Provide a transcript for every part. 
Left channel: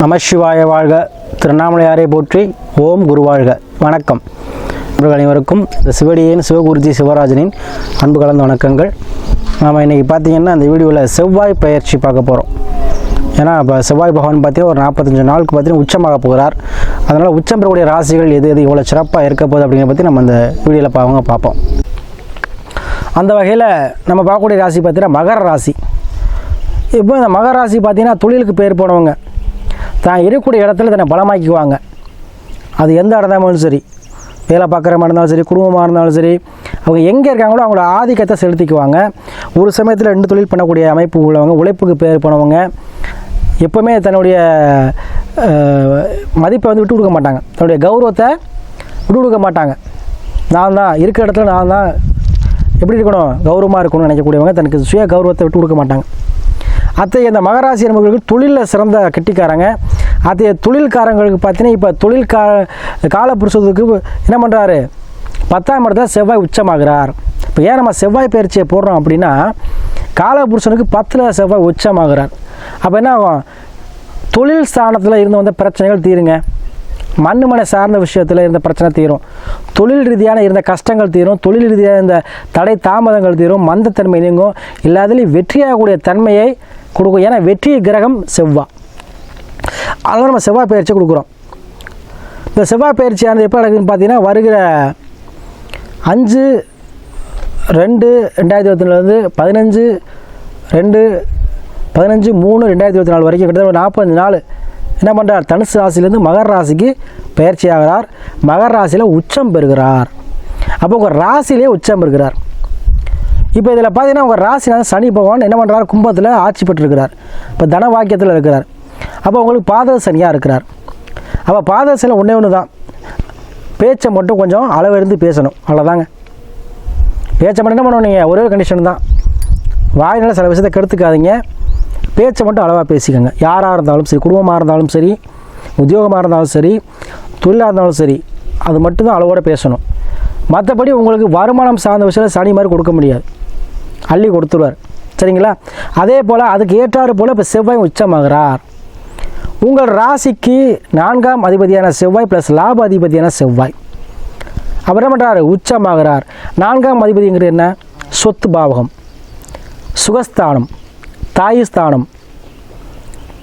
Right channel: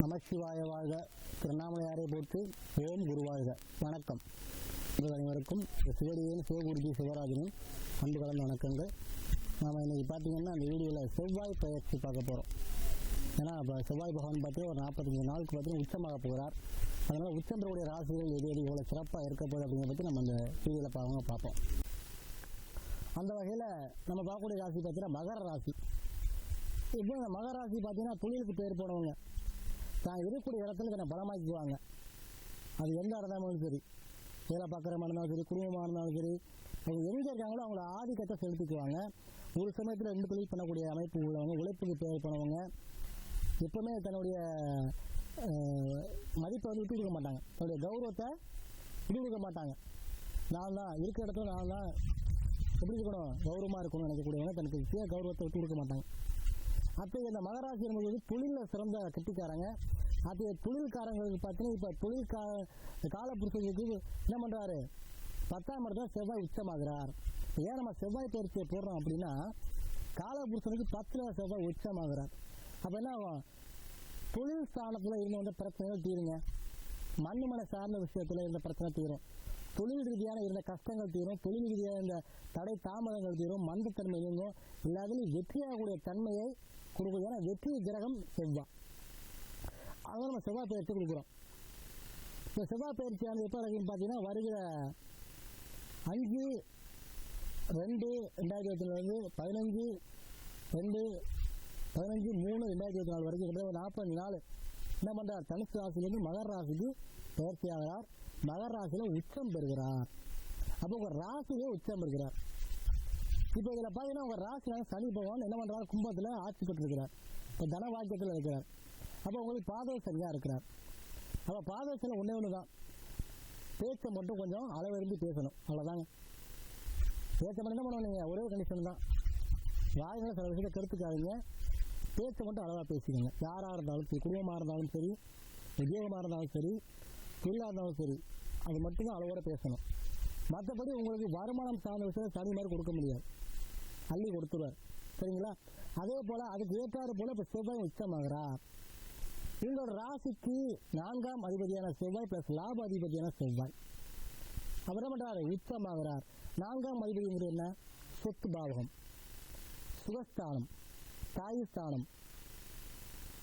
நமசிவாய வாழ்க. திருவண்ணாமலையாரை போற்றி ஓம் குரு வாழ்க. வணக்கம். இவர்கள் அனைவருக்கும் இந்த சிவடியின் சிவகுருஜி சிவராஜனின் அன்பு கலந்த வணக்கங்கள். நாம் இன்றைக்கி பார்த்தீங்கன்னா அந்த வீடியோவில் செவ்வாய் பயிற்சி பார்க்க போகிறோம் ஏன்னா இப்போ செவ்வாய் பகவான் பார்த்தீங்கன்னா ஒரு நாற்பத்தஞ்சு நாளுக்கு பார்த்தீங்கன்னா உச்சமாக போகிறார். அதனால் உச்சம் பெறக்கூடிய ராசிகள் எது எது இவ்வளோ சிறப்பாக இருக்க போகுது அப்படிங்கிற பற்றி நம்ம அந்த வீடியோவில் பாவங்க பார்ப்போம். அந்த வகையில் நம்ம பார்க்கக்கூடிய ராசி பார்த்தீங்கன்னா மகர ராசி. இப்போ இந்த மகர ராசி பார்த்தீங்கன்னா தொழிலுக்கு பேர் போனவங்க. தான் இருக்கக்கூடிய இடத்துல தன்னை பலமாக்கிக்குவாங்க. அது எந்த இடமா இருந்தாலும் சரி வேலை பார்க்குறமா இருந்தாலும் சரி குடும்பமாக இருந்தாலும் சரி அவங்க எங்கே இருக்காங்களோ அவங்களோட ஆதிக்கத்தை செலுத்திக்குவாங்க. ஒரு சமயத்தில் ரெண்டு தொழில் பண்ணக்கூடிய அமைப்பு உள்ளவங்க உழைப்புக்கு பேர் போனவங்க எப்போவுமே தன்னுடைய மதிப்பை வந்து விட்டு கொடுக்க மாட்டாங்க. தன்னுடைய கௌரவத்தை விட்டு கொடுக்க மாட்டாங்க. நான் தான் இருக்கிற இடத்துல நான் தான் எப்படி இருக்கணும் கௌரவமாக இருக்கணும்னு நினைக்கக்கூடியவங்க தனக்கு சுய கௌரவத்தை விட்டு கொடுக்க மாட்டாங்க. அத்தகைய இந்த மகராசி நண்பர்களுக்கு தொழிலில் சிறந்த கெட்டிக்காரங்க. அத்தகைய தொழில்காரங்களுக்கு பார்த்தீங்கன்னா இப்போ தொழில் கா காலப்புருஷத்துக்கு என்ன பண்ணுறாரு பத்தாம் இடத்துல செவ்வாய் உச்சமாகிறார். இப்போ ஏன் நம்ம செவ்வாய் பயிற்சியை போடுறோம் அப்படின்னா காலபுருஷனுக்கு பத்தில் செவ்வாய் உச்சமாகிறார். அப்போ என்ன ஆகும்? தொழில் ஸ்தானத்தில் இருந்து வந்த பிரச்சனைகள் தீருங்க. மண் மனை சார்ந்த விஷயத்தில் இருந்த பிரச்சனை தீரும். தொழில் ரீதியான இருந்த கஷ்டங்கள் தீரும். தொழில் ரீதியாக இருந்த தடை தாமதங்கள் தீரும். மந்தத்தன்மை நீங்கும். எல்லாத்துலேயும் வெற்றியாகக்கூடிய தன்மையை கொடுக்கும். ஏன்னா வெற்றி கிரகம் செவ்வாய் அதனால் நம்ம செவ்வாய் பயிற்சி கொடுக்குறோம். இந்த செவ்வாய் பயிற்சியானது எப்போ நடக்குதுன்னு பார்த்தீங்கன்னா வருகிற அஞ்சு ரெண்டு ரெண்டாயிரத்தி இருபத்தி நாலுலேருந்து பதினஞ்சு ரெண்டு பதினஞ்சு மூணு ரெண்டாயிரத்தி இருபத்தி நாலு வரைக்கும் கிட்டத்தட்ட நாற்பத்தஞ்சு நாள் என்ன பண்ணுறார் தனுசு ராசிலேருந்து மகர ராசிக்கு பயிற்சி ஆகிறார். மகர ராசியில் உச்சம் பெறுகிறார். அப்போ உங்கள் ராசியிலே உச்சம் பெறுகிறார். இப்போ இதில் பார்த்தீங்கன்னா உங்கள் ராசினால சனி பகவான் என்ன பண்ணுறார்? கும்பத்தில் ஆட்சி பெற்றிருக்கிறார். இப்போ தன வாக்கியத்தில் இருக்கிறார். அப்போ உங்களுக்கு பாத சனியாக இருக்கிறார். அப்போ பாதக சனி ஒன்றே ஒன்று தான். பேச்சை மட்டும் கொஞ்சம் அளவிருந்து பேசணும். அவ்வளோதாங்க. பேச்சை மட்டும் என்ன பண்ணணும் நீங்கள்? ஒரே ஒரு கண்டிஷன் தான். வாயினால் சில விஷயத்தை கெடுத்துக்காதீங்க. பேச்சை மட்டும் அளவாக பேசிக்கோங்க. யாராக இருந்தாலும் சரி குடும்பமாக இருந்தாலும் சரி உத்தியோகமாக இருந்தாலும் சரி தொழிலாக இருந்தாலும் சரி அது மட்டும்தான் அளவோடு பேசணும். மற்றபடி உங்களுக்கு வருமானம் சார்ந்த விஷயத்தில் சனி மாதிரி கொடுக்க முடியாது. அள்ளி கொடுத்துருவார். சரிங்களா? அதே போல் அதுக்கு ஏற்றாறு போல் இப்போ செவ்வாய் உச்சமாகிறார். உங்கள் ராசிக்கு நான்காம் அதிபதியான செவ்வாய் ப்ளஸ் லாப அதிபதியான செவ்வாய். அவர் என்ன பண்ணுறாரு உச்சமாகிறார். நான்காம் அதிபதிங்கிறது என்ன? சொத்து பாவகம். சுகஸ்தானம். தாயுஸ்தானம்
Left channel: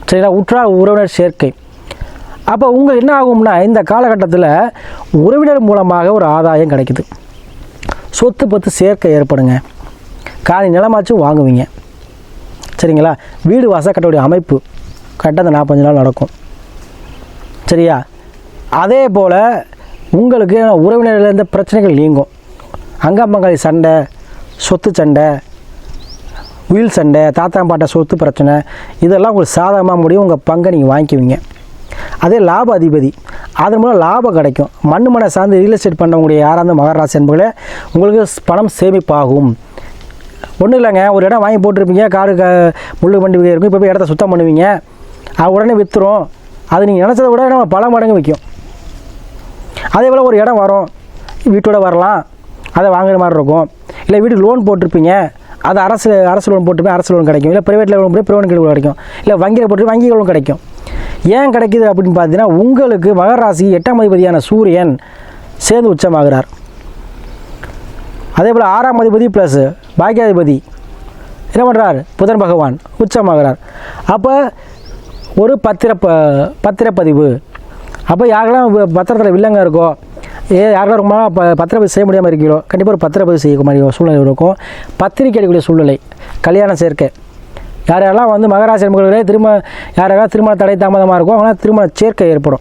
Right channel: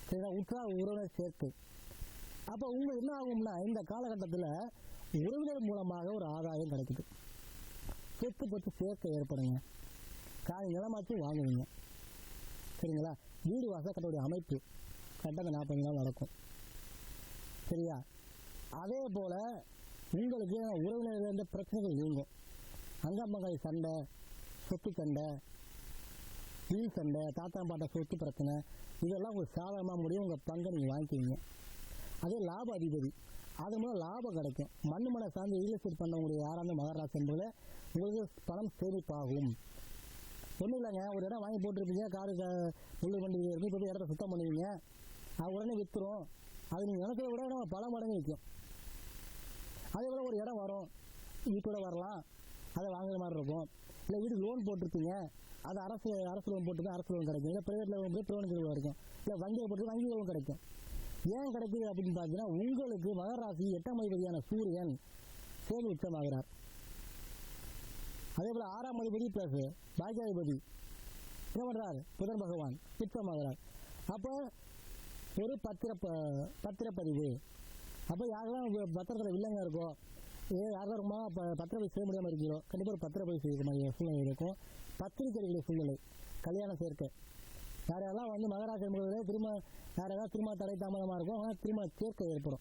சரிங்களா? உற்றார் உறவினர் சேர்க்கை. அப்போ உங்கள் என்ன ஆகும்னா இந்த காலகட்டத்தில் உறவினர் மூலமாக ஒரு ஆதாயம் கிடைக்குது. சொத்து பத்து சேர்க்கை ஏற்படுங்க. காணி நிலமாச்சும் வாங்குவீங்க. சரிங்களா? வீடு வாசல் கட்டக்கூடிய அமைப்பு கரெக்டாக அந்த நாற்பஞ்சு நாள் நடக்கும். சரியா? அதே போல் உங்களுக்கு உறவினர்கள் பிரச்சனைகள் நீங்கும். அங்கம்பங்காளி சண்டை சொத்து சண்டை உயில் சண்டை தாத்தா பாட்ட சொத்து பிரச்சனை இதெல்லாம் உங்களுக்கு சாதகமாக முடியும். உங்கள் பங்கை நீங்கள் வாங்கிக்குவீங்க. அதே லாப அதிபதி அதன் மூலம் லாபம் கிடைக்கும். மண் மனை சார்ந்து ரியல் எஸ்டேட் பண்ணக்கூடிய யாராக இருந்தால் மகராசி என்பர்களே உங்களுக்கு பணம் சேமிப்பாகும். ஒன்றும் இல்லைங்க. ஒரு இடம் வாங்கி போட்டிருப்பீங்க. காடு க முள்ளு வண்டி இருக்கும். இப்போ போய் இடத்த சுத்தம் பண்ணுவீங்க. அது உடனே விற்றுரும் அது நீங்கள் நினச்சதை விட நம்ம பல மடங்கு விற்கும் அதே போல் ஒரு இடம் வரும். வீட்டோட வரலாம். அதை வாங்குற மாதிரி இருக்கும். இல்லை வீட்டுக்கு லோன் போட்டிருப்பீங்க. அது அரசு அரசு லோன் போட்டு அரசு லோன் கிடைக்கும். இல்லை ப்ரைவேட்டில் லோன் போட்டு ப்ரைவேட் லோன் கிடைக்கும். இல்லை வங்கியில் போட்டு வங்கி லோன் கிடைக்கும். ஏன் கிடைக்குது அப்படின்னு பார்த்தீங்கன்னா உங்களுக்கு மகராசி எட்டாம் அதிபதியான சூரியன் சேர்ந்து உச்சமாகிறார். அதே போல் ஆறாம் அதிபதி ப்ளஸ் பாக்கியாதிபதி. என்ன பண்ணுறார் புதன் பகவான் உச்சமாகிறார். அப்போ ஒரு பத்திர ப பத்திரப்பதிவு. அப்போ யாரெல்லாம் வ- பத்திரத்தில் வில்லங்க இருக்கோ ஏ யாரெல்லாம் ரொம்ப ப பத்திரப்பதிவு செய்ய முடியாமல் இருக்கீங்களோ கண்டிப்பாக ஒரு பத்திரப்பதிவு செய்ய மாதிரி சூழ்நிலை இருக்கும். பத்திரிக்கை அடிக்கக்கூடிய சூழ்நிலை கல்யாண சேர்க்கை. யார் யாரெல்லாம் வந்து மகராசி நண்பர்களே திரும்ப யார் யாரெல்லாம் திருமண தடை தாமதமாக இருக்கும் அவங்களாம் திருமண சேர்க்கை ஏற்படும்.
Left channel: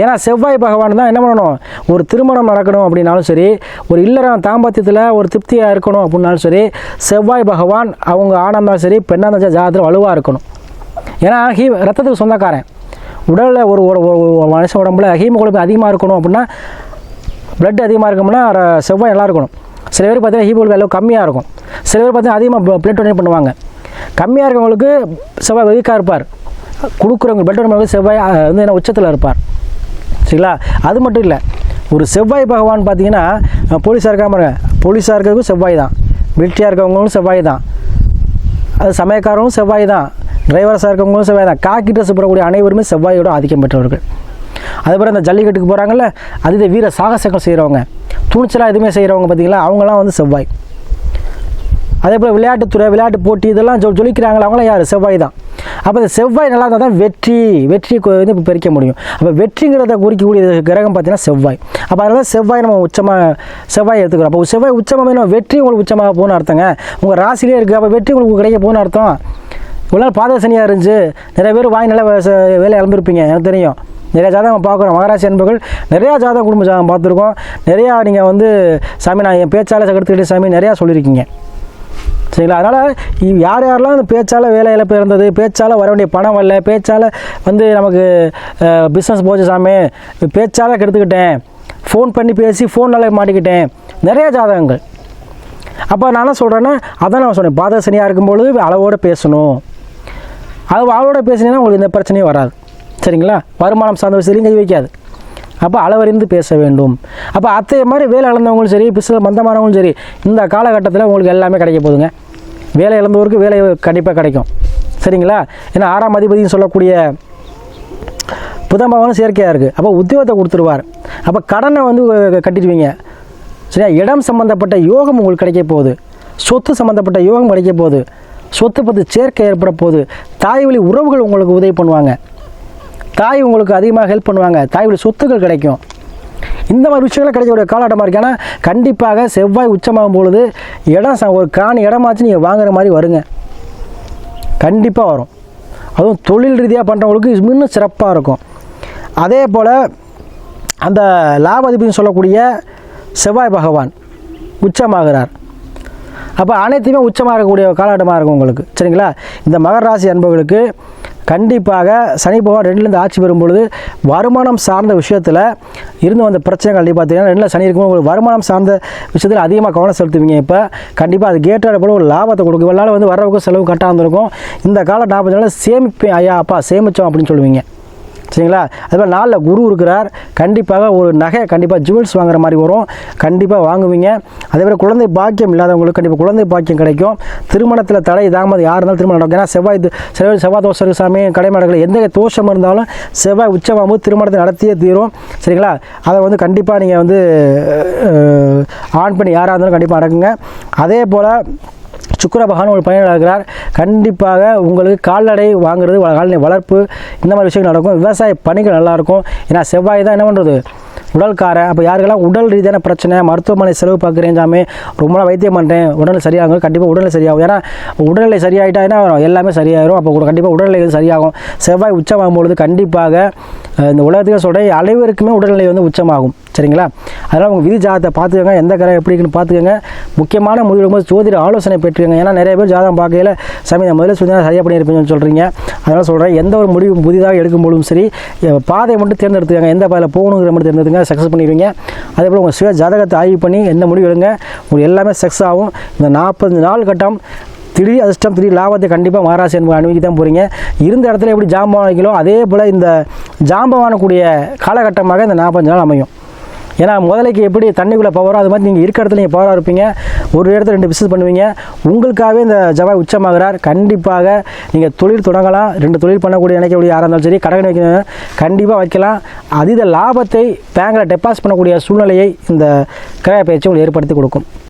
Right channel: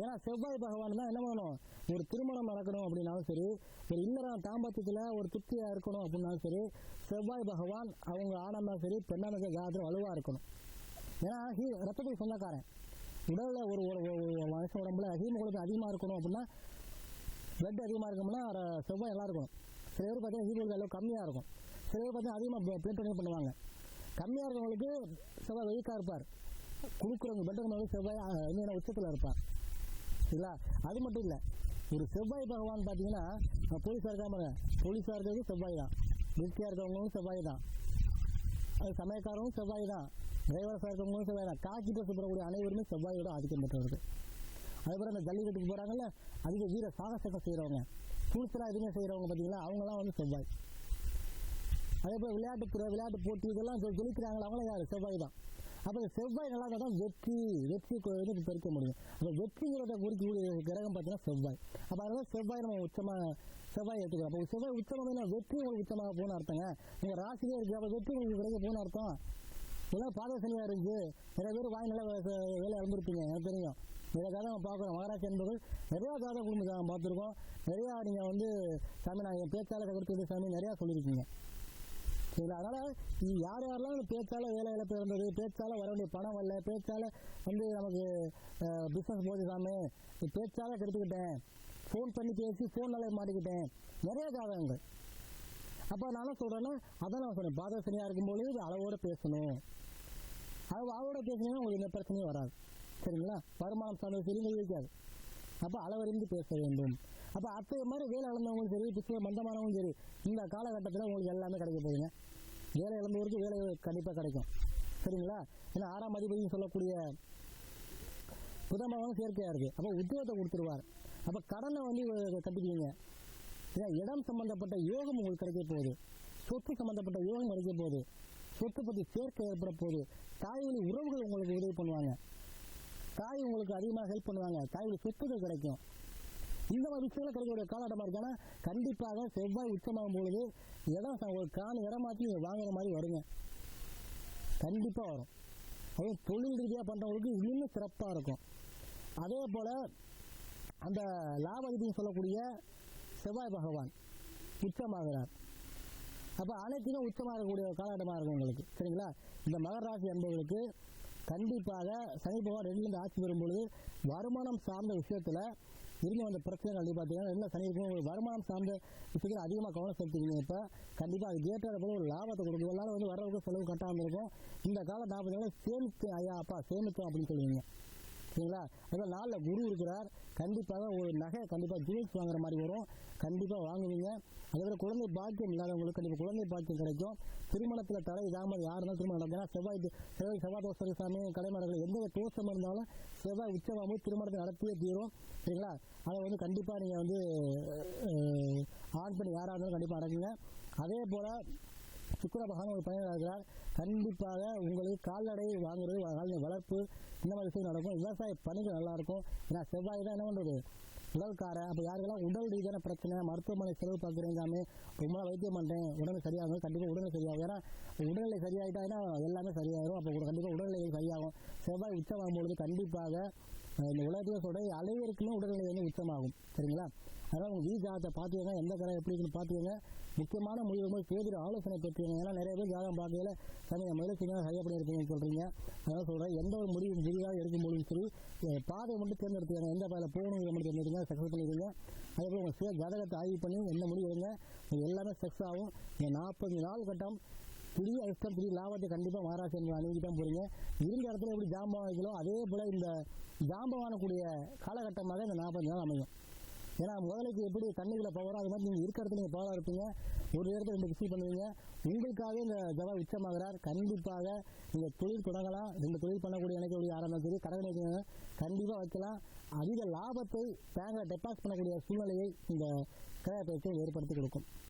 ஏன்னா செவ்வாய் பகவான் தான் என்ன பண்ணணும்? ஒரு திருமணம் நடக்கணும் அப்படின்னாலும் சரி ஒரு இல்லறம் தாம்பத்தியத்தில் ஒரு திருப்தியாக இருக்கணும் அப்படின்னாலும் சரி செவ்வாய் பகவான் அவங்க ஆணாக இருந்தாலும் சரி பெண்ணாக இருந்தாலும் ஜாதத்தில் வலுவாக இருக்கணும். ஏன்னா ஹீ ரத்தத்துக்கு சொந்தக்காரன். உடலில் ஒரு ஒரு மனுஷன் உடம்புல ஹீமோகுளோபின் அதிகமாக இருக்கணும் அப்படின்னா பிளட் அதிகமாக இருக்கணும்னா செவ்வாய் நல்லா இருக்கணும். சில பேர் பார்த்தீங்கன்னா ஹீமோகுளோபின் அளவு கம்மியாக இருக்கும். சில பேர் பார்த்தீங்கன்னா அதிகமாக பிளட் டொனேட் பண்ணுவாங்க. கம்மியாக இருக்கவங்களுக்கு செவ்வாய் வீக்காக இருப்பார். கொடுக்குறவங்க பிளட் டொனேட் செவ்வாய் வந்து என்ன உச்சத்தில் இருப்பார். சரிங்களா? அது மட்டும் இல்லை ஒரு செவ்வாய் பகவான் பார்த்தீங்கன்னா போலீஸாக இருக்காம பாருங்க. போலீஸாக இருக்கிறதுக்கும் செவ்வாய் தான். மிலிட்ரியாக இருக்கவங்களும் செவ்வாய் தான். அது சமயக்காரங்களும் செவ்வாய் தான். டிரைவர்ஸாக இருக்கவங்களும் செவ்வாய் தான். காக்கி ட்ரெஸ் போடக்கூடிய அனைவருமே செவ்வாயோட ஆதிக்கம் பெற்றவர்கள். அதுபோல் இந்த ஜல்லிக்கட்டுக்கு போகிறாங்கல்ல அது வீர சாகசங்கள் செய்கிறவங்க துணிச்சலாக எதுவுமே செய்கிறவங்க பார்த்தீங்களா அவங்களாம் வந்து செவ்வாய். அதே போல் விளையாட்டுத்துறை விளையாட்டு போட்டி இதெல்லாம் சொல் சொல்லிக்கிறாங்களா அவங்களாம் யார்? செவ்வாய் தான். அப்போ இந்த செவ்வாய் நல்லா இருந்தால் தான் வெற்றி வெற்றி வந்து இப்போ பறிக்க முடியும். அப்போ வெற்றிங்கிறத குறிக்கக்கூடிய கிரகம் பார்த்தீங்கன்னா செவ்வாய். அப்போ அதனால செவ்வாய் நம்ம உச்சமாக செவ்வாய் எடுத்துக்கிறோம். அப்போ செவ்வாய் உச்சமாக நம்ம வெற்றி உங்களுக்கு உச்சமாக போகணும்னு அர்த்தங்க. உங்கள் ராசிலே இருக்குது அப்போ வெற்றி உங்களுக்கு கிடைக்க போகணும்னு அர்த்தம். இவ்வளோ நாள் பாதசனியாக இருந்துச்சு. நிறைய பேர் வாய் நல்லா ச- வேலை இழந்திருப்பீங்க எனக்கு தெரியும். நிறையா ஜாதகம் பார்க்குறோம். மகராசி என்பர்கள் நிறையா ஜாதகம் குடும்ப ஜாதகம் பார்த்துருக்கோம். நிறையா நீங்கள் வந்து சாமி நான் என் பேச்சாளர் எடுத்துக்கிட்டு சாமி நிறையா சொல்லியிருக்கீங்க. சரிங்களா? அதனால் யார் யாரெல்லாம் அந்த பேச்சால் வேலை இழப்பு இருந்தது பேச்சால் வர வேண்டிய பணம் வரல பேச்சால் வந்து நமக்கு பிஸ்னஸ் போச்சு சாமி பேச்சால் கெடுத்துக்கிட்டேன். ஃபோன் பண்ணி பேசி ஃபோனால் மாட்டிக்கிட்டேன். நிறைய ஜாதகங்கள். அப்போ நான் என்ன சொல்கிறேன்னா அதான் நான் சொன்னேன் பாதசனியாக இருக்கும்பொழுது அளவோடு பேசணும். அது அளவோட பேசினீங்கன்னா உங்களுக்கு எந்த பிரச்சனையும் வராது. சரிங்களா? வருமானம் சார்ந்த விஷயத்துலையும் கை வைக்காது. அப்போ அளவறிந்து பேச வேண்டும். அப்போ அத்தைய மாதிரி வேலை இழந்தவங்களும் சரி பிசில் மந்தமானவங்களும் சரி இந்த காலகட்டத்தில் உங்களுக்கு எல்லாமே கிடைக்க போகுதுங்க. வேலை இழந்தவருக்கு வேலை கண்டிப்பாக கிடைக்கும். சரிங்களா? ஏன்னா ஆறாம் அதிபதினு சொல்லக்கூடிய புதம்பவனும் செயற்கையாக இருக்குது அப்போ உத்தியோகத்தை கொடுத்துருவார். அப்போ கடனை வந்து கட்டிடுவீங்க. சரியா? இடம் சம்மந்தப்பட்ட யோகம் உங்களுக்கு கிடைக்க போகுது. சொத்து சம்மந்தப்பட்ட யோகம் கிடைக்க போகுது. சொத்து பற்றி சேர்க்கை ஏற்பட போகுது. தாய் வழி உறவுகள் உங்களுக்கு உதவி பண்ணுவாங்க. தாய் உங்களுக்கு அதிகமாக ஹெல்ப் பண்ணுவாங்க. தாயுடைய சொத்துக்கள் கிடைக்கும். இந்த மாதிரி விஷயங்கள்லாம் கிடைக்கக்கூடிய காலகட்டமாக இருக்கு. ஏன்னா கண்டிப்பாக செவ்வாய் உச்சமாகும் பொழுது இடம் ச- ஒரு காணி இடமாச்சு நீங்கள் வாங்குற மாதிரி வருங்க. கண்டிப்பாக வரும். அதுவும் தொழில் ரீதியாக பண்ணுறவங்களுக்கு இன்னும் சிறப்பாக இருக்கும். அதே போல் அந்த லாபாதிபதினு சொல்லக்கூடிய செவ்வாய் பகவான் உச்சமாகிறார். அப்போ அனைத்துமே உச்சமாக இருக்கக்கூடிய காலகட்டமாக இருக்கும் உங்களுக்கு. சரிங்களா? இந்த மகர ராசி அன்பர்களுக்கு கண்டிப்பாக சனி பகவான் ரெண்டுலேருந்து ஆட்சி பெறும்பொழுது வருமானம் சார்ந்த விஷயத்தில் இருந்து வந்த பிரச்சனை கண்டிப்பாக பார்த்தீங்கன்னா ரெண்டில் சனி இருக்கும்போது உங்களுக்கு வருமானம் சார்ந்த விஷயத்தில் அதிகமாக கவனம் செலுத்துவீங்க. இப்போ கண்டிப்பாக அது கேட்டாட போல ஒரு லாபத்தை கொடுக்கும். இவ்வளோ வந்து வரவுக்கும் செலவு கட்டாக இருந்திருக்கும். இந்த காலம் நாற்பது நாளில் சேமிப்பேன் ஐயா அப்பா சேமித்தோம் அப்படின்னு சொல்லுவீங்க. சரிங்களா? அதுபோல் நாளில் குரு இருக்கிறார். கண்டிப்பாக ஒரு நகை கண்டிப்பாக ஜுவல்ஸ் வாங்குற மாதிரி வரும். கண்டிப்பாக வாங்குவீங்க. அதேமாதிரி குழந்தை பாக்கியம் இல்லாதவங்களுக்கு கண்டிப்பாக குழந்தை பாக்கியம் கிடைக்கும். திருமணத்தில் தடை தாமதம் யார் இருந்தாலும் திருமணம் நடக்கும். ஏன்னா செவ்வாய் செவ்வாய் செவ்வாய் தோஷம் சாமி. கடைமடங்கள் எந்த தோஷம் இருந்தாலும் செவ்வாய் உச்சமாகும்போது திருமணத்தை நடத்தியே தீரும். சரிங்களா? அதை வந்து கண்டிப்பாக நீங்கள் வந்து ஆன் பண்ணி யாராக இருந்தாலும் கண்டிப்பாக நடக்குங்க. அதே போல் சுக்கிர பகவான் ஒரு பயணில் கண்டிப்பாக உங்களுக்கு கால்நடை வாங்குறது கால்நடை வளர்ப்பு இந்த மாதிரி விஷயங்கள் நடக்கும். விவசாய பணிகள் நல்லாயிருக்கும். ஏன்னா செவ்வாய் தான் என்ன பண்ணுறது உடல்காரன். அப்போ யாருக்கெல்லாம் உடல் ரீதியான பிரச்சனை மருத்துவமனை செலவு பார்க்குறேன் சாமி ரொம்ப நாள் வைத்தியம் பண்ணுறேன் உடல் சரியாகும் கண்டிப்பாக உடல்நிலை சரியாகும். ஏன்னா உடல்நிலை சரியாயிட்டா என்ன ஆகும்? எல்லாமே சரியாயிரும். அப்போ கண்டிப்பாக உடல்நிலை சரியாகும். செவ்வாய் உச்சமாகும் பொழுது கண்டிப்பாக இந்த உலகத்துக்கு சொல்கிறேன் அனைவருக்குமே உடல்நிலை வந்து உச்சமாகும். சரிங்களா? அதனால் உங்கள் விதி ஜாதகத்தை பார்த்துக்கோங்க. எந்த கிரகம் எப்படி இருக்குன்னு பார்த்துக்கோங்க. முக்கியமான முடிவு ஜோதிட ஆலோசனை பெற்றுக்கோங்க. ஏன்னா நிறைய பேர் ஜாதகம் பார்க்கையில சாமி நான் முதல்ல சொல்லி சரியாக பண்ணியிருப்பேன்னு சொல்கிறீங்க அதனால் சொல்கிறேன் எந்த ஒரு முடிவு புதிதாக எடுக்கும்போதும் சரி பாதையை மட்டும் தேர்ந்தெடுத்துக்கங்க. எந்த பாதையில் போகணுங்கிற மட்டும் தேர்ந்தெடுத்துங்க சக்ஸஸ் பண்ணிடுவீங்க. அதே போல் உங்கள் சுய ஜாதகத்தை ஆய்வு பண்ணி எந்த முடிவு எடுங்க. உங்களுக்கு எல்லாமே சக்ஸஸ் ஆகும். இந்த நாற்பது நாள் கட்டம் திடீர் அதிர்ஷ்டம் திடீர் லாபத்தை கண்டிப்பாக மகாராசி என்பது அனுபவிக்க தான் போகிறீங்க இருந்த இடத்துல எப்படி ஜாம்பவான் வைக்கலோ அதே போல் இந்த ஜாம்பவானக்கூடிய காலகட்டமாக இந்த நாற்பத்தஞ்சு நாள் அமையும். ஏன்னா முதலைக்கு எப்படி தண்ணிக்குள்ளே பவரோ அது மாதிரி நீங்கள் இருக்கிற இடத்துல நீங்கள் பவராக இருப்பீங்க. ஒரு இடத்துல ரெண்டு பிஸ்னஸ் பண்ணுவீங்க. உங்களுக்காகவே இந்த ஜவாய் உச்சமாகிறார். கண்டிப்பாக நீங்கள் தொழில் தொடங்கலாம். ரெண்டு தொழில் பண்ணக்கூடிய நினைக்கக்கூடிய யாராக இருந்தாலும் சரி கடன் வைக்கணும். கண்டிப்பாக வைக்கலாம். அதீத லாபத்தை பேங்கில் டெபாசிட் பண்ணக்கூடிய சூழ்நிலையை இந்த கிரக பயிற்சி உங்களுக்கு ஏற்படுத்தி கொடுக்கும்.